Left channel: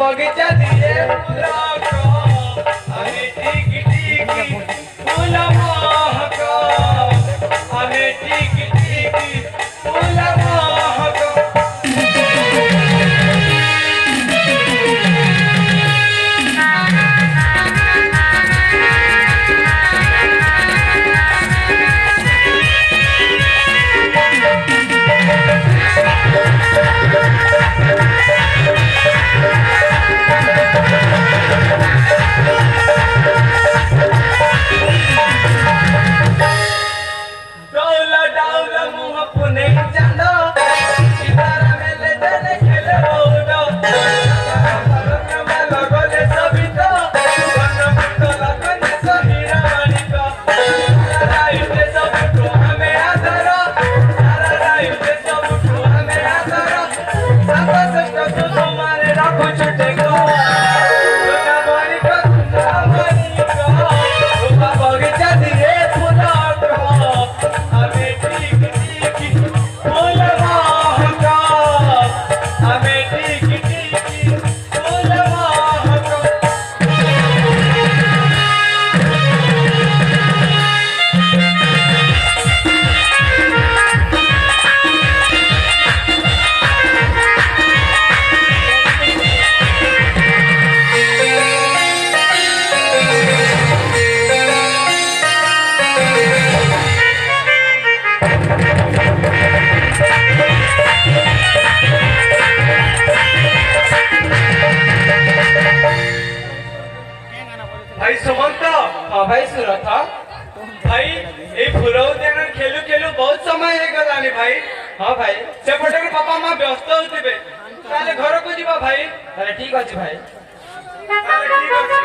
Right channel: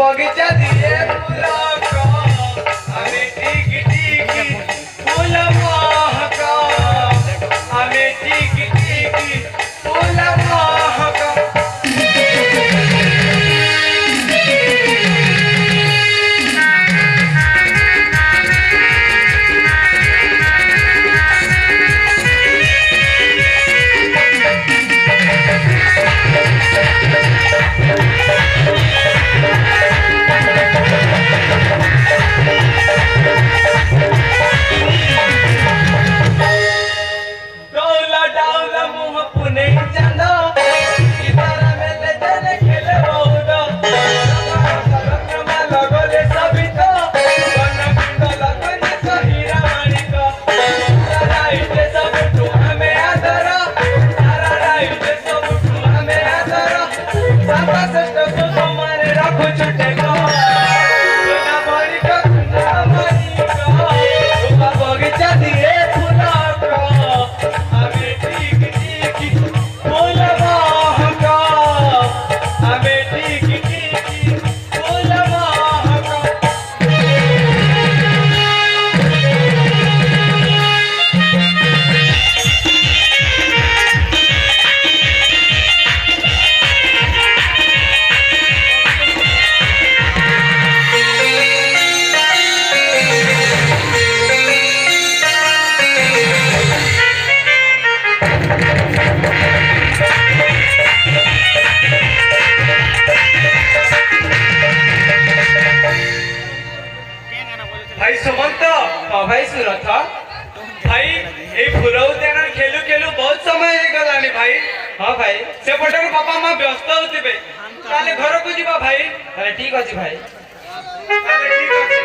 बगीचा दिए फूलों को हमें टिक टिक फूल महको हमें टिक टिक फूल महको। भाई सुमंत भाई सुरथ भाई ये फुलौ देना खेलू खेलू बहुत समय हो गलानी भाई। हाँ भाई से पटे पापा मां व्यस्त होतिबे ताले घर को जीवा भाई। अरे ठीक अछि भाई। अरे ठीक अछि।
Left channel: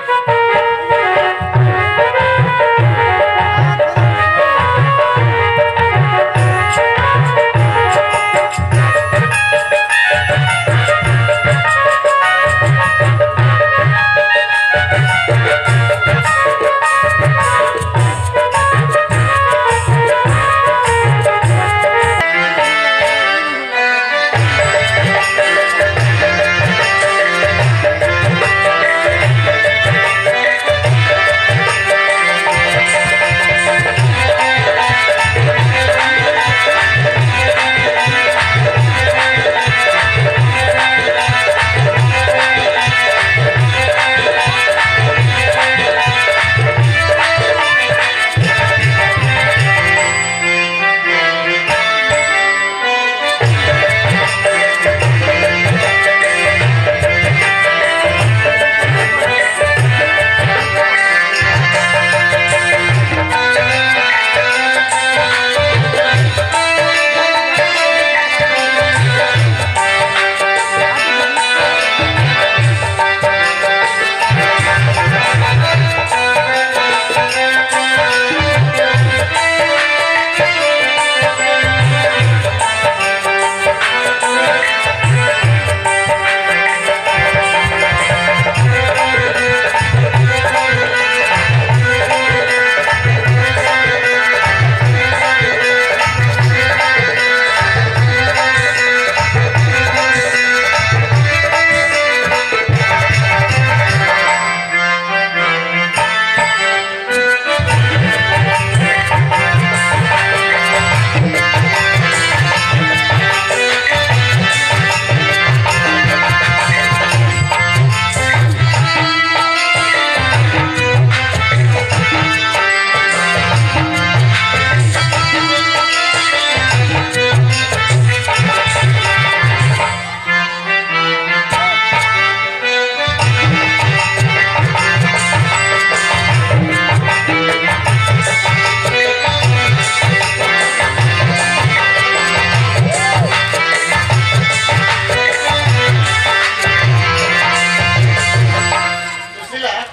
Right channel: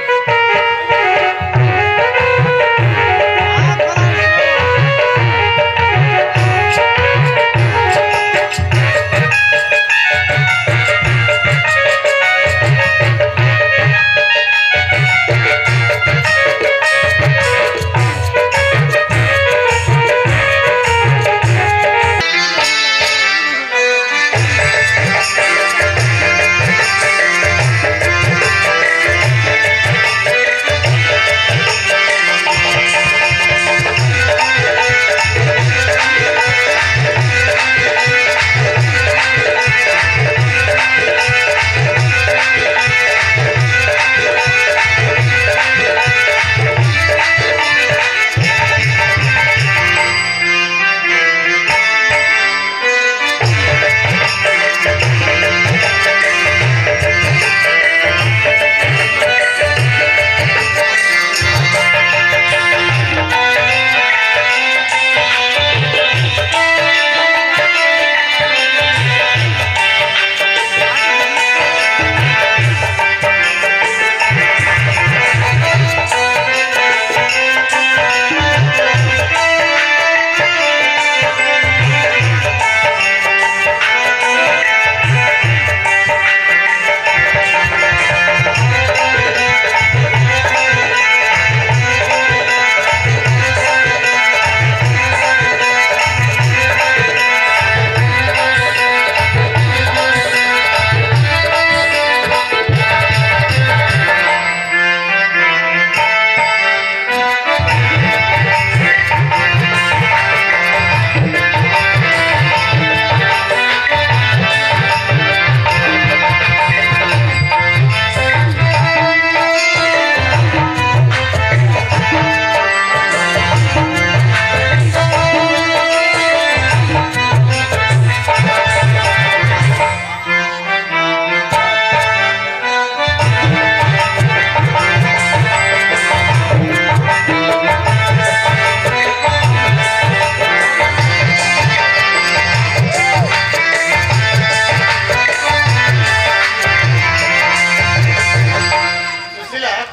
ପିଲା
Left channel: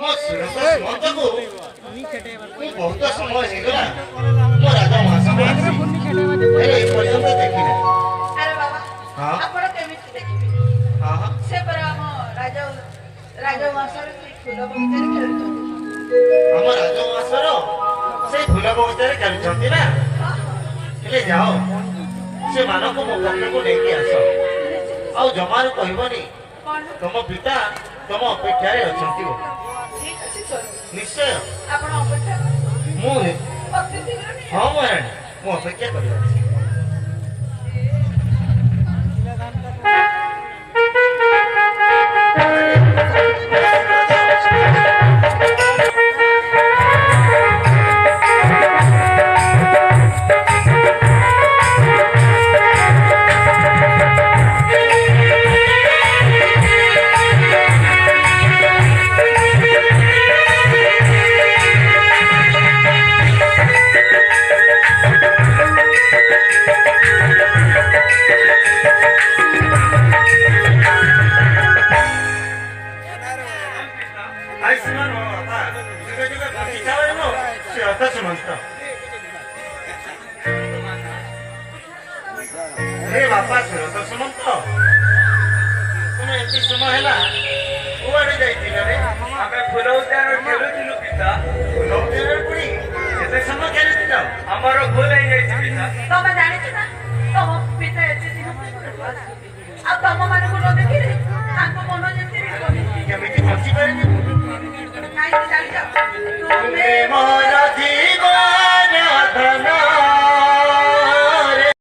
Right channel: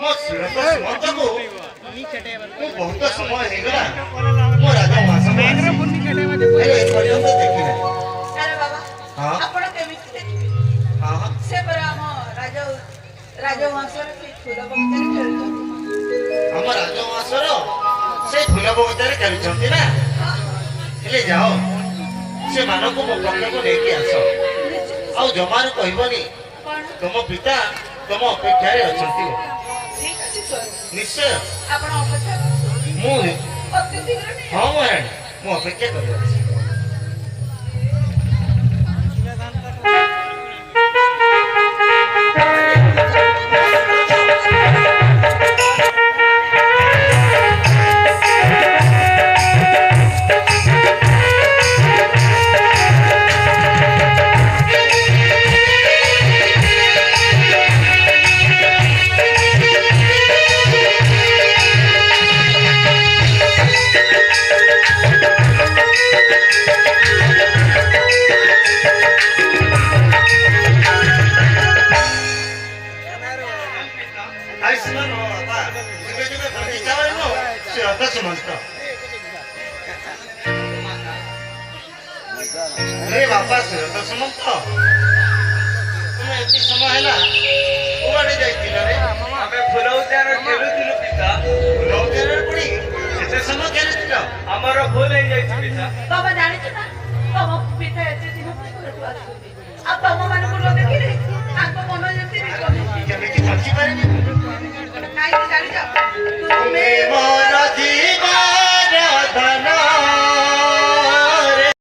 ମୋ ଶ୍ରୀମନ୍ତ ସୁମନ୍ତକୁ ମୁଁ ବହୁତ ସମୟ ହେଇଗଲା ମୋ ରାଜମହାସକୁ ଏପର୍ଯ୍ୟନ୍ତ ଦେଖି ନାହିଁ। ଆରେ ବାବା ହଁ ଆପଣ କେମିତି ଦେଖିବେ? ହଁ ସେ ପରା ଆମ ରାଜବଂଶର ସେଇ ଫୁଲ ବଗିଚାରେ ଖେଳୁଛନ୍ତି। ଆମ ରାଜମହାସର ସେଇ ଫୁଲ ବଗିଚାରେ ଖେଳୁଛନ୍ତି ନା? ହେଲେ ଯାଅ ସେମାନଙ୍କୁ ମୋ ପାଖକୁ ନେଇକି ଆସ। ଆଉ ଜମାରୁ କହିବନି କଣ? ତମ ପିତା ତମ ଅପେକ୍ଷାରେ ଅଛନ୍ତି ବୋଲି। ଠିକ ଅଛି ସ୍ୱାମୀ। ନିଶ୍ଚୟ ଆପଣ ଅପେକ୍ଷା କରନ୍ତୁ। ମୁଁ ଅତି ଶୀଘ୍ର ନେଇ ହଁ ମହାରାଣୀ ମୁଁ ଅପେକ୍ଷା କରିଅଛି। ଆୟୁଷ୍ମାନ ମୋ ବାପା ଯୁଗେ ଯୁଗେ ବଞ୍ଚିଥାଅ ଏନୁ ଶ୍ରୀରଥ ସୁମନ୍ତ। ରେ ବାପା ଶ୍ରୀରଥ ସୁମନ୍ତ ତୁମେ ଏତେ ସମୟ ହେଲା କୁଆଡେ ଯାଇଥିଲ ରେ? ଆମେ ଫୁଲ ଉଦ୍ୟାନରେ ଖେଳୁଥିଲୁ ପିତା। ଫୁଲ ଉଦ୍ୟାନରେ ପୁଣି କେତେ ସମୟ ଖେଳିଥିଲ? ଆମର ଭୁଲ ହେଇଯାଇଛି ପିତା। ତମେ ଜାଣିଛ ନା ତମ ପିତା ଏତେ ଦିନ ଘରକୁ ଆସୁଛନ୍ତି ଆଉ ତମ ମାନଙ୍କୁ ନ ଦେଖିଲେ ତାଙ୍କ ମନ ଯେମିତି ବିକଳ। କେମିତି ବଞ୍ଚି ପାରିବି? କାହିଁକି ଜାଣିଛ?